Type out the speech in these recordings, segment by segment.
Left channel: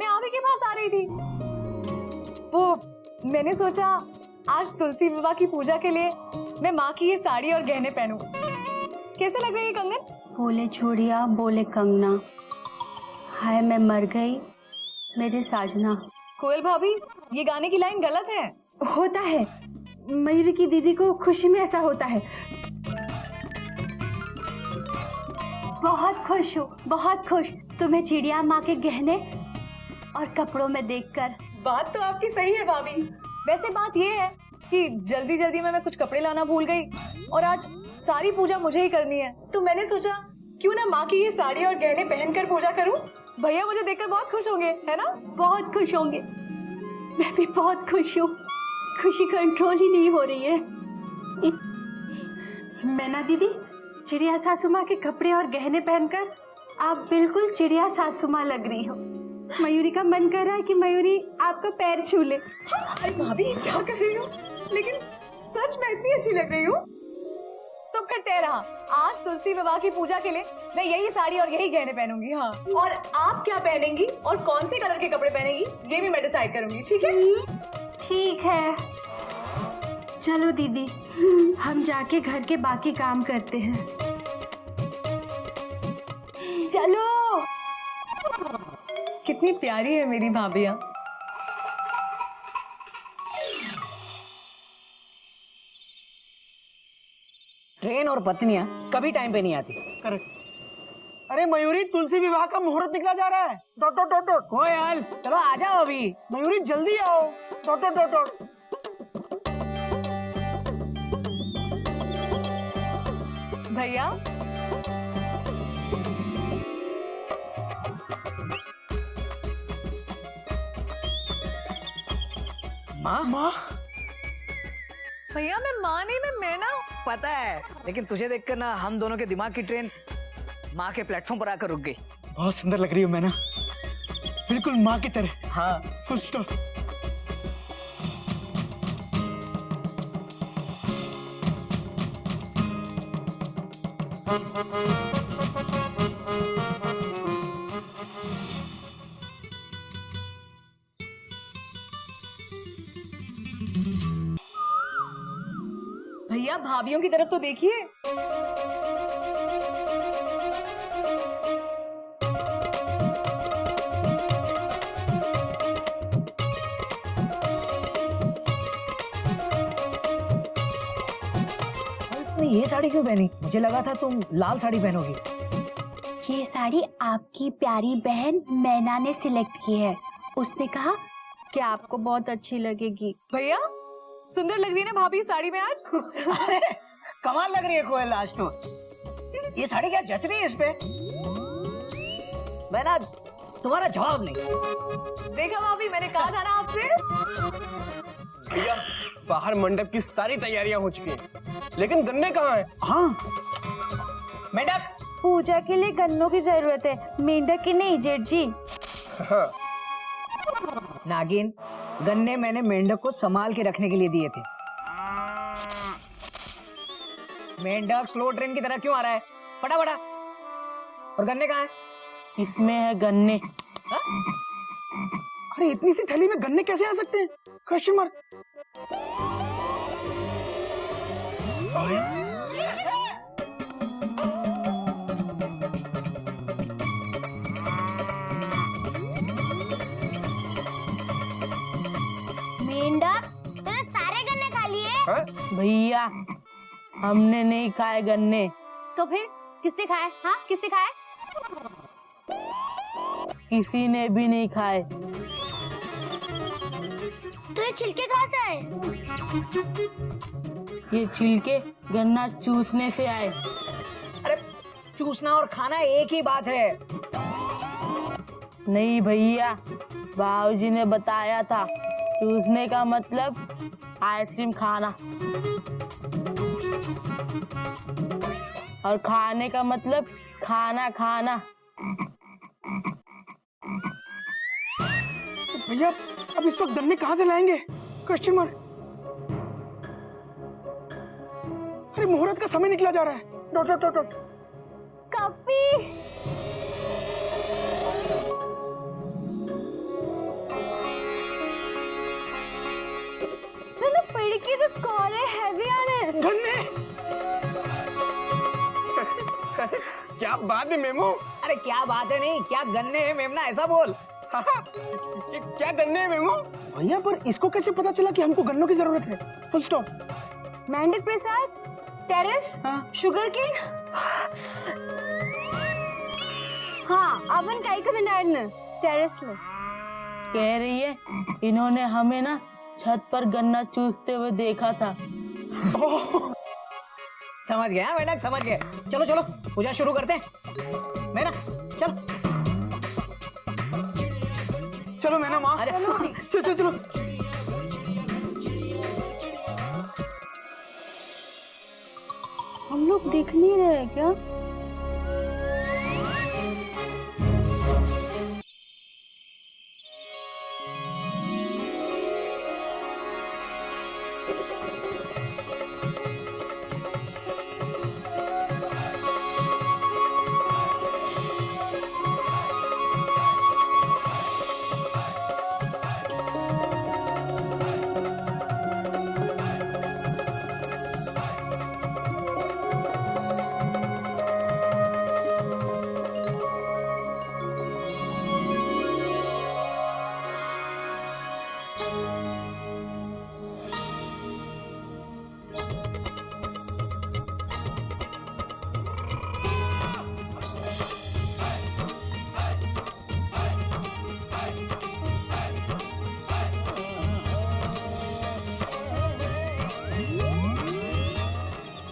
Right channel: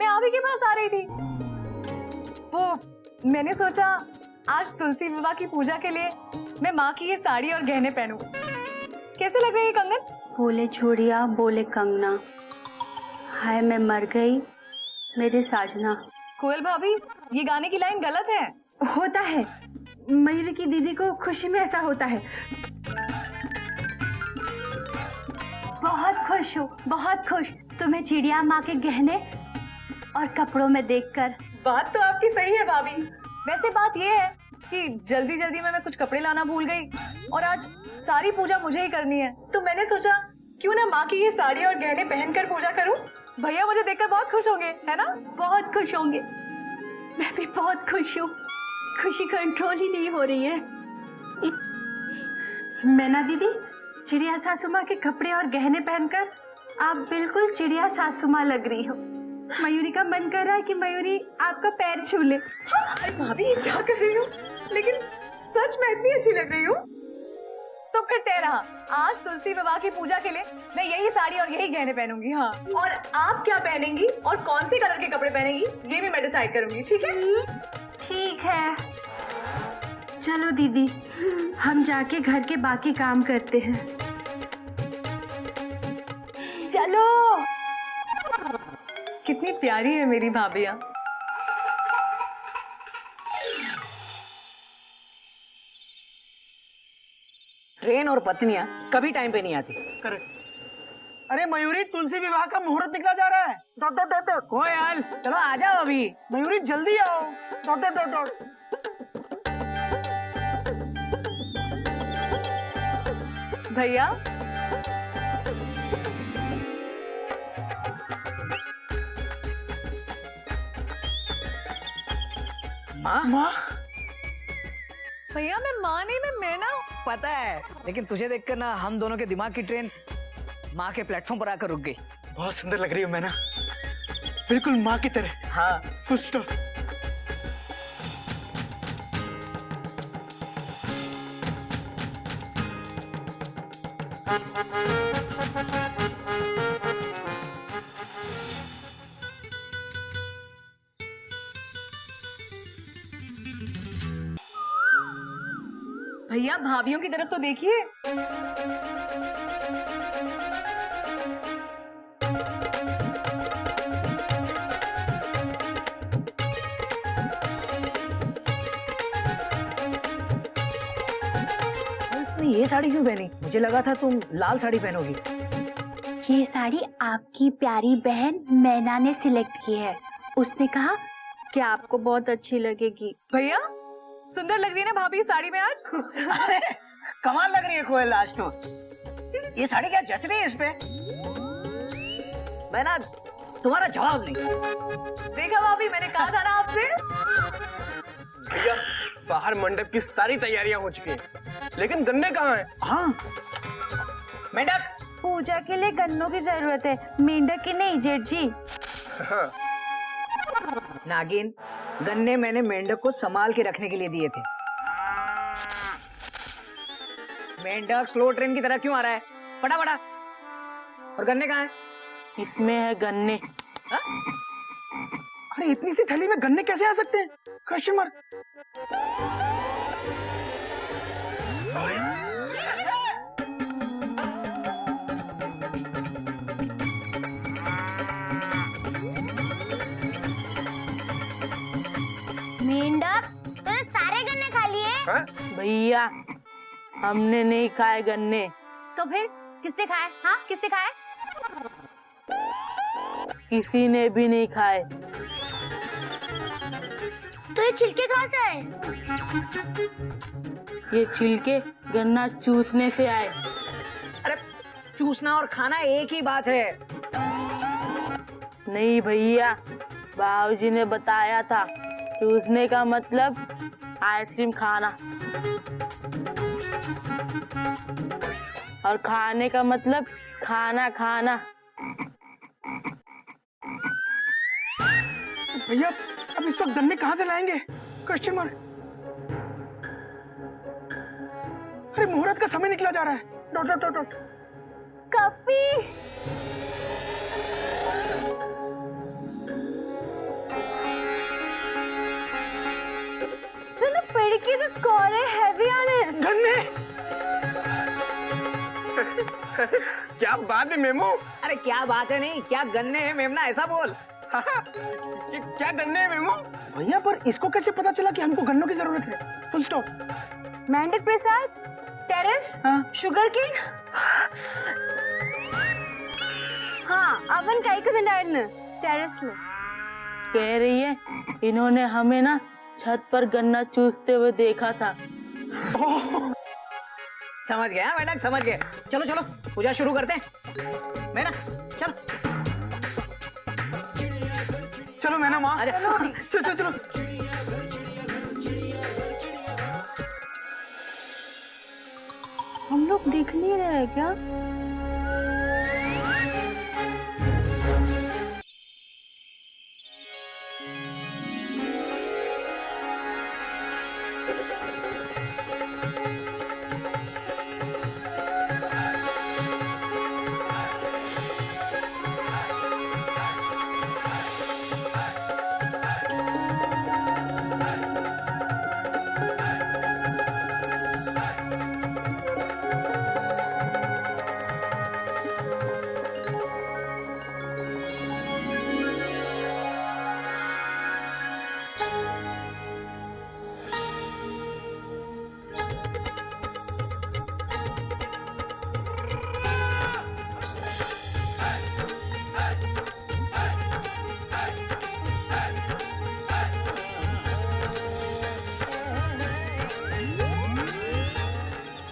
मैं आप ही के पास आ रही थी। वो मैंने सोचा आज तुलसी विवाह की पूजा के लिए मैं माँ की ये साड़ी और गहने पहनूं। कैसे लग रही है कंगन? बोले चूड़िया बोले कंगना, हाय मैं मर गई मेरी साजना। कोयल भाभी, ये गाने की लाइन गलत है। होता है, मयूरी की दीदी को खुशी में ऐसा होता है। बहुत खुश हूँ, बहुत खुश तुम्हें चिड़िया माँ के गहने और कपड़ों में देखकर। बात तो आपकी सही है भाभी। वैसे बात ये है कि जल्दी जल्दी में मैं कुछ कपड़े लाना भूल गई और आज सारी पूजा मुझे ही करनी है, तो मैंने सोचा क्यों ना माँ की ये साड़ी और गहने पहनकर पूजा करूं। भैया मुझे देखकर बहुत खुश होंगे, है ना? बहुत खुश होंगे, मैं भी बहुत खुश हूँ। खुशी कंट्रोल ही नहीं हो रही है। मैना दीदी, चिड़िया सासू माँ के कपड़े और गहने पहनकर आप बिल्कुल चिड़िया सासू माँ लग रही हो। मयूरी का मन कर रहा है कि मयूरी आपका पैर छू ले। अरे भाभी ये क्या कर रही हो? लेकिन सच में इतनी अच्छी लग रही हूँ। तो फिर तय रहा, आज तुलसी विवाह की पूजा के लिए मैं यही साड़ी और यही गहने पहनूंगी। हाँ, और आप क्या पहनेंगी और कौन से कलर के कपड़े पहनेंगी ये भी मैं डिसाइड करूंगी, ठीक है? ठीक है, चलो दीदी हम जाके घर के बाकी काम करते हैं। चलो। कितनी प्यारी है मेरी भाभियाँ। ट्रेन और पत्नियां कभी टाइम पे नहीं आती। करेक्ट। अरे मयूरी, तुलसी विवाह का मुहूर्त निकला जा रहा है। Dot dot dot dot. ओ यार चलो आ जाओ अभी। मयूरी जल्दी आओ। Dot dot dot dot. भैया माँ माँ, भैया मैं माँ नहीं, मैं मैना हूँ। पता है, लेकिन तुझे देखकर ना हम दोनों के दिमाग की ट्रेन माँ के प्लेटफॉर्म पर आकर रुक गई। बहुत सुंदर लग रही हो मैना, बिल्कुल माँ की तरह। हाँ फुल स्टॉप। भैया भाभियों की तरफ तो देखिए। तुमने ये साड़ी क्यों पहनी? मुझे लगा था तुम लाल साड़ी पहनोगी। ये साड़ी आपकी प्यारी बहन मैना ने सिलेक्ट की है। उसने कहा कि आपको बहुत अच्छी लगेगी। भैया सुंदर लग रही है ना भाभी साड़ी में आज? अरे कमाल लग रही है कोयल आज तो। ये साड़ी क्या जच रही है इस पे? मैं ना तुम्हारा जवाब नहीं। देखा भाभी, मैंने कहा था ना आपसे। भैया बाहर मंडप की सारी तैयारियां हो चुकी हैं, लेकिन गन्ने कहाँ हैं? हाँ मेंढक। पूजा के लिए गन्नों की जरूरत है, मेंढक की नहीं जेठ जी। हाँ। नागिन, गन्ने मैंने मेंढक को संभाल के रखने के लिए दिए थे। मेंढक स्लो ट्रेन की तरह क्यों आ रहा है? फटा फटा। और गन्ने कहाँ है? इसमें है गन्ने। अरे इतनी सी थैली में गन्ने कैसे आ सकते हैं? Question mark. मेंढक तूने सारे गन्ने खा लिए? हाँ? भैया हमने नहीं खाए गन्ने। तो फिर किसने खाए? हाँ किसने खाए? किसी ने भी नहीं खाए। तो ये छिलके कहाँ से आए? ये छिलके गन्ना चूसने से आए। अरे चूसना और खाना एक ही बात है। नहीं भैया, बाबूजी ने बताया था चूसने का मतलब आइसक्रीम खाना और खाने का मतलब खाना खाना। भैया अब इस वक्त गन्ने कहाँ से लाएंगे? Question mark. अरे मुहूर्त का समय निकला जा रहा है। Dot dot dot dot. कपी क्या बात है मेमो? अरे क्या बात है, नहीं क्या गन्ने हैं मेमना, ऐसा बोल। ये क्या गन्ने हैं मेमो? भैया पर इसको कैसे पता चला कि हमको गन्नों की जरूरत है? Full stop. मेंढक प्रसाद, टेरेस, शुगर केन. हाँ, अपन काही करणार ना टेरेस में. कह रही है इन्होंने हमें ना छत पर गन्ना चूसते हुए देखा था। समझ गया मेंढक, समझ गए। चलो चलो पूजा शुरू करते हैं। मैना चलो चलो मैना माँ, अरे चलो चलो चलो। हम लोग दिख नहीं रहे क्या?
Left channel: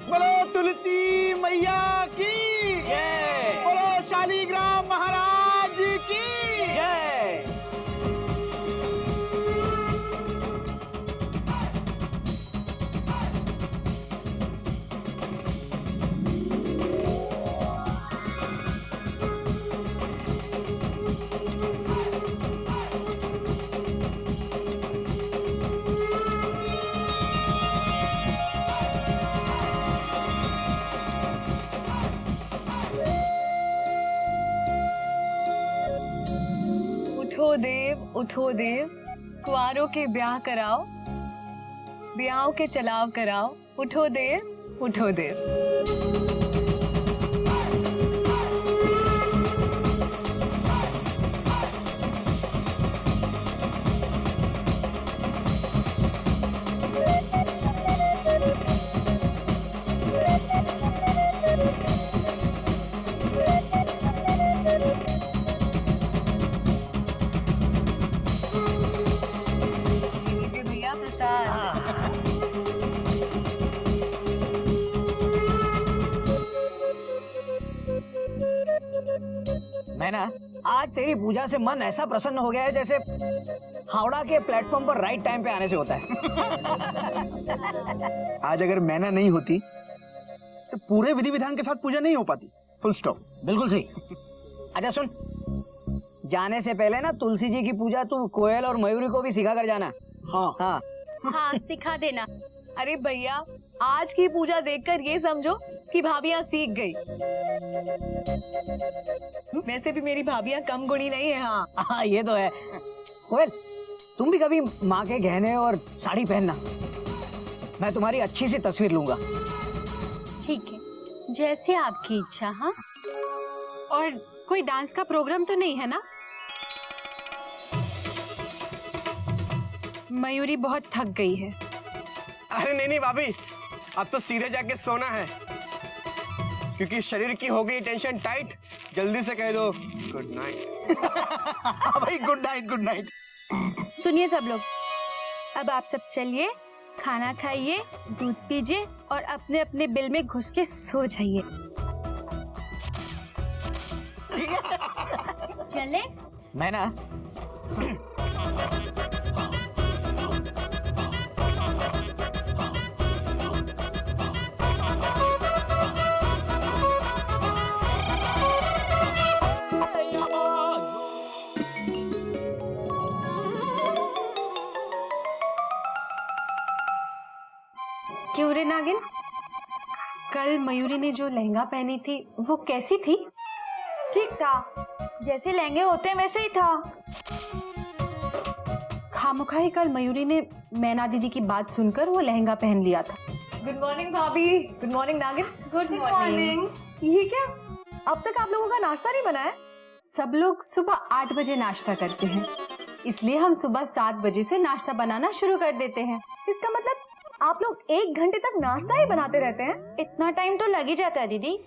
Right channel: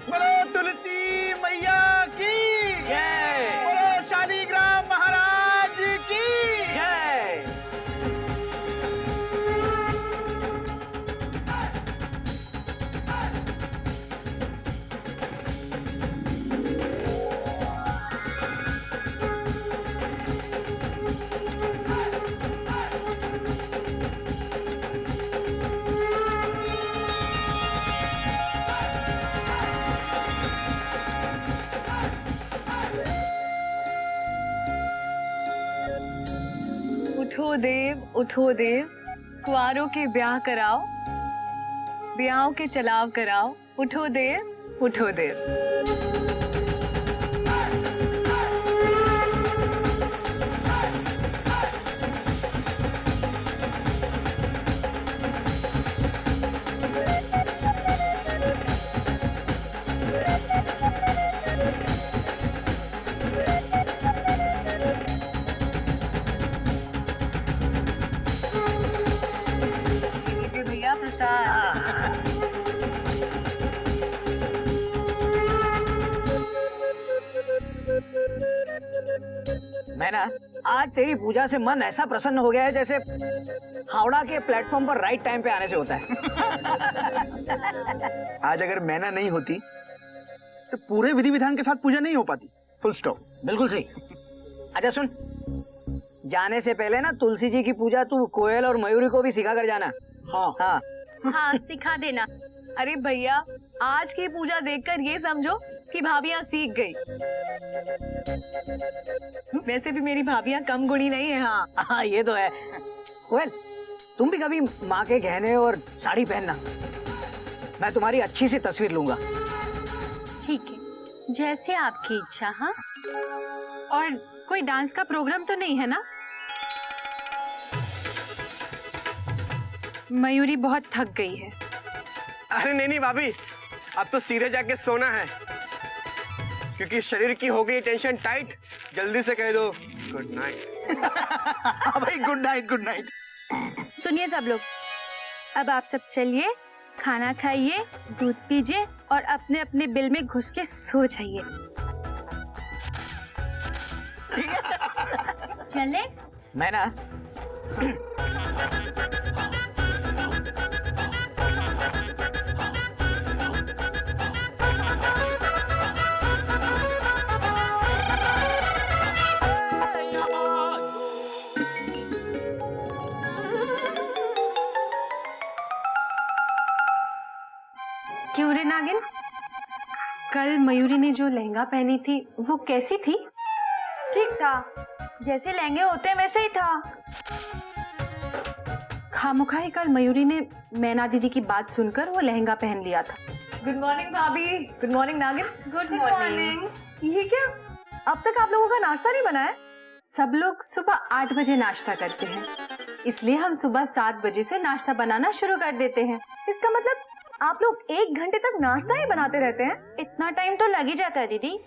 बोलो तुलसी मैया की जय बोलो शालीग्राम महाराज की जय। उठो देव, कुंवारों के ब्याह कराओ, ब्याहों के चलाव कराओ। उठो देव, उठो देव। लीजिए भैया प्रसाद। मैना आज तेरी पूजा से मन ऐसा प्रसन्न हो गया है जैसे हावड़ा के प्लेटफॉर्म पर राइट टाइम पे आने से होता है। आज अगर मैना नहीं होती तो पूरे विधि विधान के साथ पूजा नहीं हो पाती। Full stop. बिल्कुल सही। अच्छा सुन, जाने से पहले ना तुलसी जी की पूजा तू कोयल और मयूरी को भी सिखा कर जाना। हाँ हाँ हाँ, सिखा देना। अरे भैया, आज की पूजा देखकर ये समझो कि भाभियां सीख गई। वैसे भी मेरी भाभियां कम गुणी नहीं है। हाँ हाँ ये तो है। कोयल तुम भी कभी माँ के गहने और साड़ी पहनना, मैं तुम्हारी अच्छी सी तस्वीर लूंगा। ठीक है, जैसे आपकी इच्छा। हाँ, और कोई डांस का प्रोग्राम तो नहीं है ना? मयूरी बहुत थक गई है। अरे नहीं नहीं भाभी, अब तो सीधे जाके सोना है, क्योंकि शरीर की हो गई टेंशन टाइट। जल्दी से कह दो गुड नाइट। भाई गुड नाइट, गुड नाइट। सुनिए सब लोग, अब आप सब चलिए, खाना खाइए, दूध पीजिए और अपने अपने बिल में घुस के सो जाइए। चले? मैं ना क्यों रे नागिन, कल मयूरी ने जो लहंगा पहनी थी वो कैसी थी? ठीक था, जैसे लहंगे होते हैं वैसे ही था। खामोखा ही कल मयूरी ने मैना दीदी की बात सुनकर वो लहंगा पहन लिया था। गुड मॉर्निंग भाभी। गुड मॉर्निंग नागिन। Good morning. ये क्या, अब तक आप लोगों का नाश्ता नहीं बना है? सब लोग सुबह 8 बजे नाश्ता करते हैं, इसलिए हम सुबह 7 बजे से नाश्ता बनाना शुरू कर देते हैं। इसका मतलब आप लोग 1 घंटे तक नाश्ता ही बनाते रहते हैं? इतना टाइम तो लग ही जाता है दीदी।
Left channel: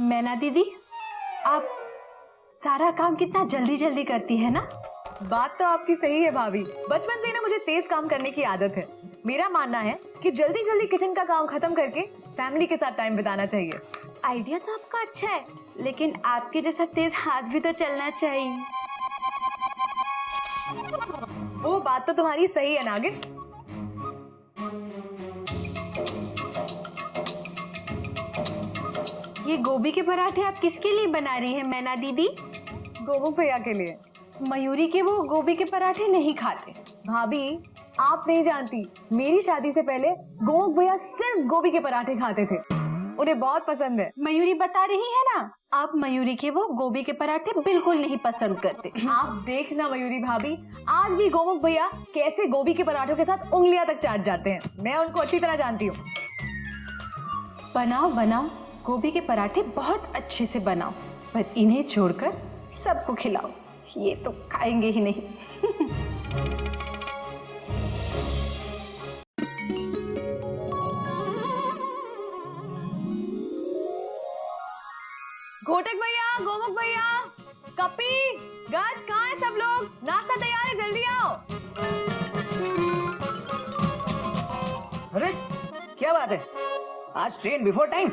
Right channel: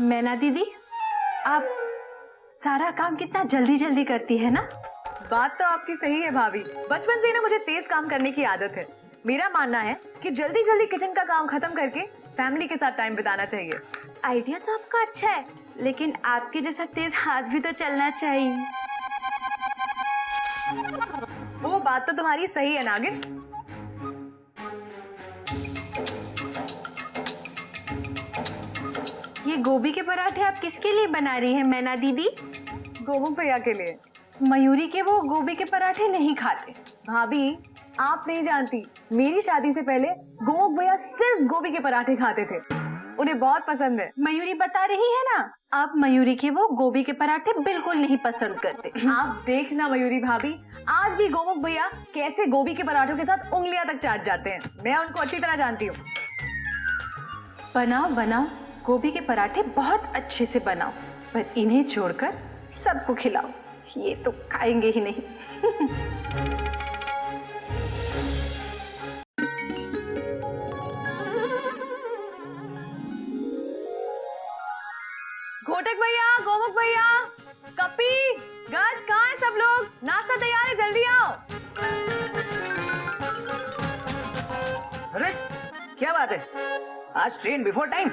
मैना दीदी, आप सारा काम कितना जल्दी जल्दी करती है ना। बात तो आपकी सही है भाभी, बचपन से ही ना मुझे तेज काम करने की आदत है। मेरा मानना है कि जल्दी जल्दी किचन का काम खत्म करके फैमिली के साथ टाइम बिताना चाहिए। आइडिया तो आपका अच्छा है, लेकिन आपके जैसा तेज हाथ भी तो चलना चाहिए। वो बात तो तुम्हारी सही है नागिन। ये गोभी के पराठे आप किसके लिए बना रही हैं मैना दीदी? गोमुख भैया के लिए। मयूरी के वो गोभी के पराठे नहीं खाते। भाभी आप नहीं जानती, मेरी शादी से पहले गोमुख भैया सिर्फ गोभी के पराठे खाते थे, उन्हें बहुत पसंद है। मयूरी बता रही है ना, आप मयूरी के वो गोभी के पराठे बिल्कुल नहीं पसंद करते। आप देखना मयूरी भाभी, आज भी गोमुख भैया कैसे गोभी के पराठों के साथ उंगलियां तक चाट जाते हैं। मैं उनको अच्छी तरह जानती हूँ। बनाओ बनाओ, गोभी के पराठे बहुत अच्छे से बनाओ, पर इन्हें छोड़कर सबको खिलाओ, ये तो खाएंगे ही नहीं। घोटक भैया, गोमुख भैया, कपी, गज, कहाँ है सब लोग? नाश्ता तैयार है, जल्दी आओ। अरे क्या बात है, आज ट्रेन बिफोर टाइम।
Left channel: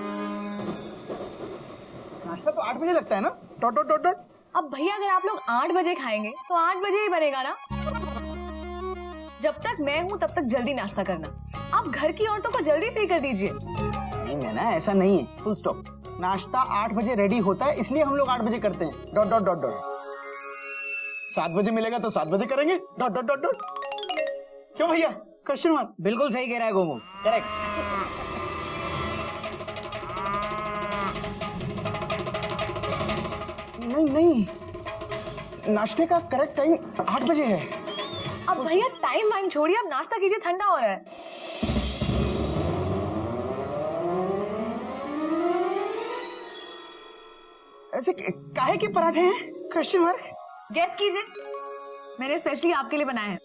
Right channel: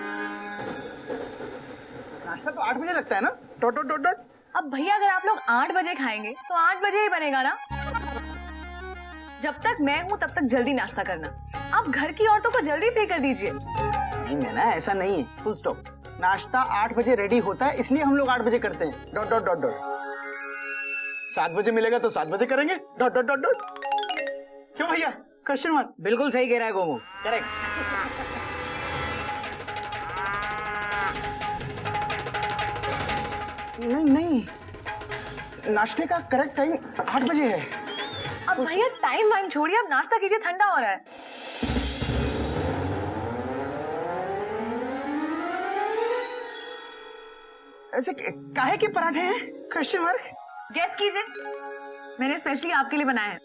नाश्ता तो 8 बजे लगता है ना? Dot dot dot dot. अब भैया अगर आप लोग 8 बजे खाएंगे तो 8 बजे ही बनेगा ना। जब तक मैं हूँ तब तक जल्दी नाश्ता करना। आप घर की औरतों को जल्दी फ्री कर दीजिए। नहीं मैना, ऐसा नहीं है, फुल स्टॉप। नाश्ता 8 बजे रेडी होता है, इसलिए हम लोग 8 बजे करते हैं। Dot dot dot dot. 7 बजे मिलेगा तो 7 बजे करेंगे। Dot dot dot dot. क्यों भैया, क्वेश्चन मार्क? बिल्कुल सही कह रहा है गोमुख, करेक्ट। नहीं नहीं, नाश्ते का करेक्ट टाइम 8 बजे है। अब भैया टाइम वाइम छोड़िए, अब नाश्ता कीजिए, ठंडा हो रहा है। ऐसे काहे के पराठे हैं? Question mark. गेस कीजिए, मैंने स्पेशली आपके लिए बनाए हैं।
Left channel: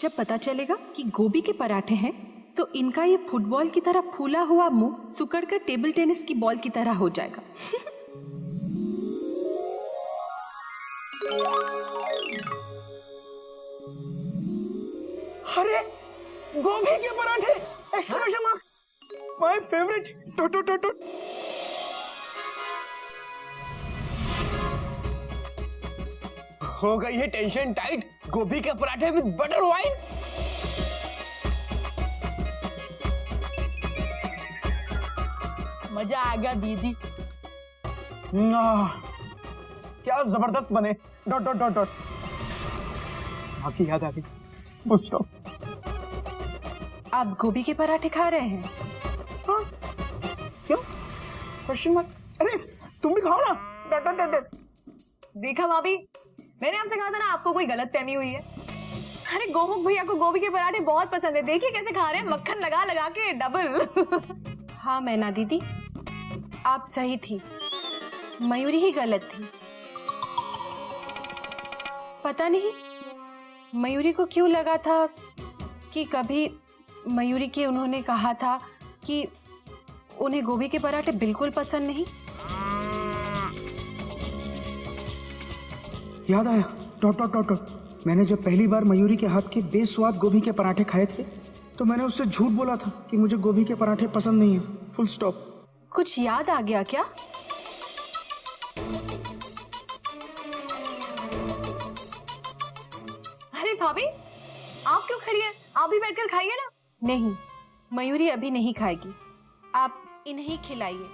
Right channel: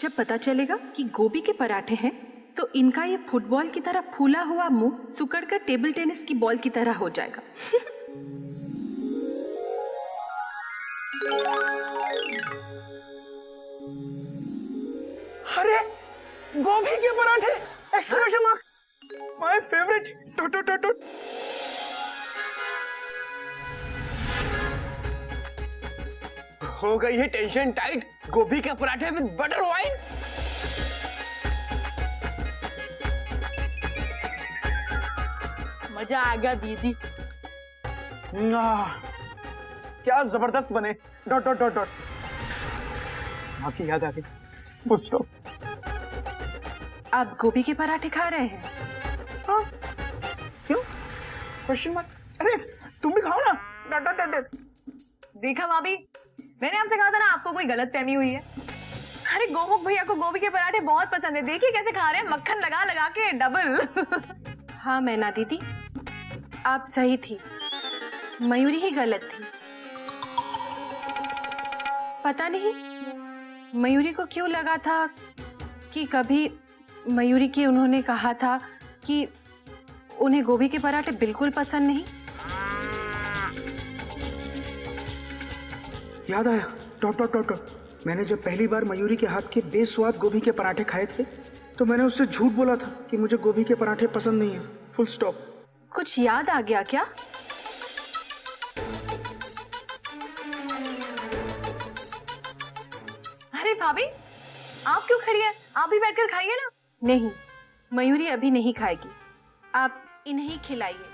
जब पता चलेगा कि गोभी के पराठे हैं, तो इनका ये फुटबॉल की तरह फूला हुआ मुंह सुकड़कर टेबल टेनिस की बॉल की तरह हो जाएगा। अरे गोभी के पराठे! Exclamation mark! My favourite! Dot dot dot dot. हो गई है टेंशन टाइट, गोभी के पराठे विद बटर वाइन। मजा आ गया दीदी। क्या जबरदस्त बने। Dot dot dot dot. माँ की याद आ गई। Full stop. आप गोभी के पराठे खा रहे हैं? हाँ, क्यों? Question mark. अरे तुम भी खाओ ना। Dot dot dot dot. देखा भाभी, मैंने आपसे कहा था ना आपको कोई गलत फहमी हुई है। अरे गोमुख भैया को गोभी के पराठे बहुत पसंद है, देखिए कैसे खा रहे हैं, मक्खन लगा लगा के डबल। हाँ मैना दीदी, आप सही थी, मयूरी ही गलत थी। पता नहीं मयूरी को क्यों लगा था कि कभी मयूरी की उन्होंने कहा था कि उन्हें गोभी के पराठे बिल्कुल पसंद नहीं। याद आया। Dot dot dot dot. मैंने जब पहली बार मयूरी के हाथ के बेस्वाद गोभी के पराठे खाए थे, तो मैंने उससे झूठ बोला था कि मुझे गोभी के पराठे पसंद नहीं है। Full stop. कुछ याद आ गया क्या? अरे भाभी, आप क्यों खड़ी हैं? आप भी बैठकर खाइए ना। नहीं, मयूरी अभी नहीं खाएगी, आप इन्हें खिलाइए।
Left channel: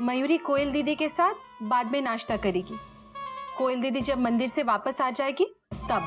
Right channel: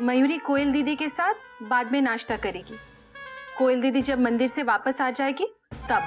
मयूरी कोयल दीदी के साथ बाद में नाश्ता करेगी। कोयल दीदी जब मंदिर से वापस आ जाएगी तब।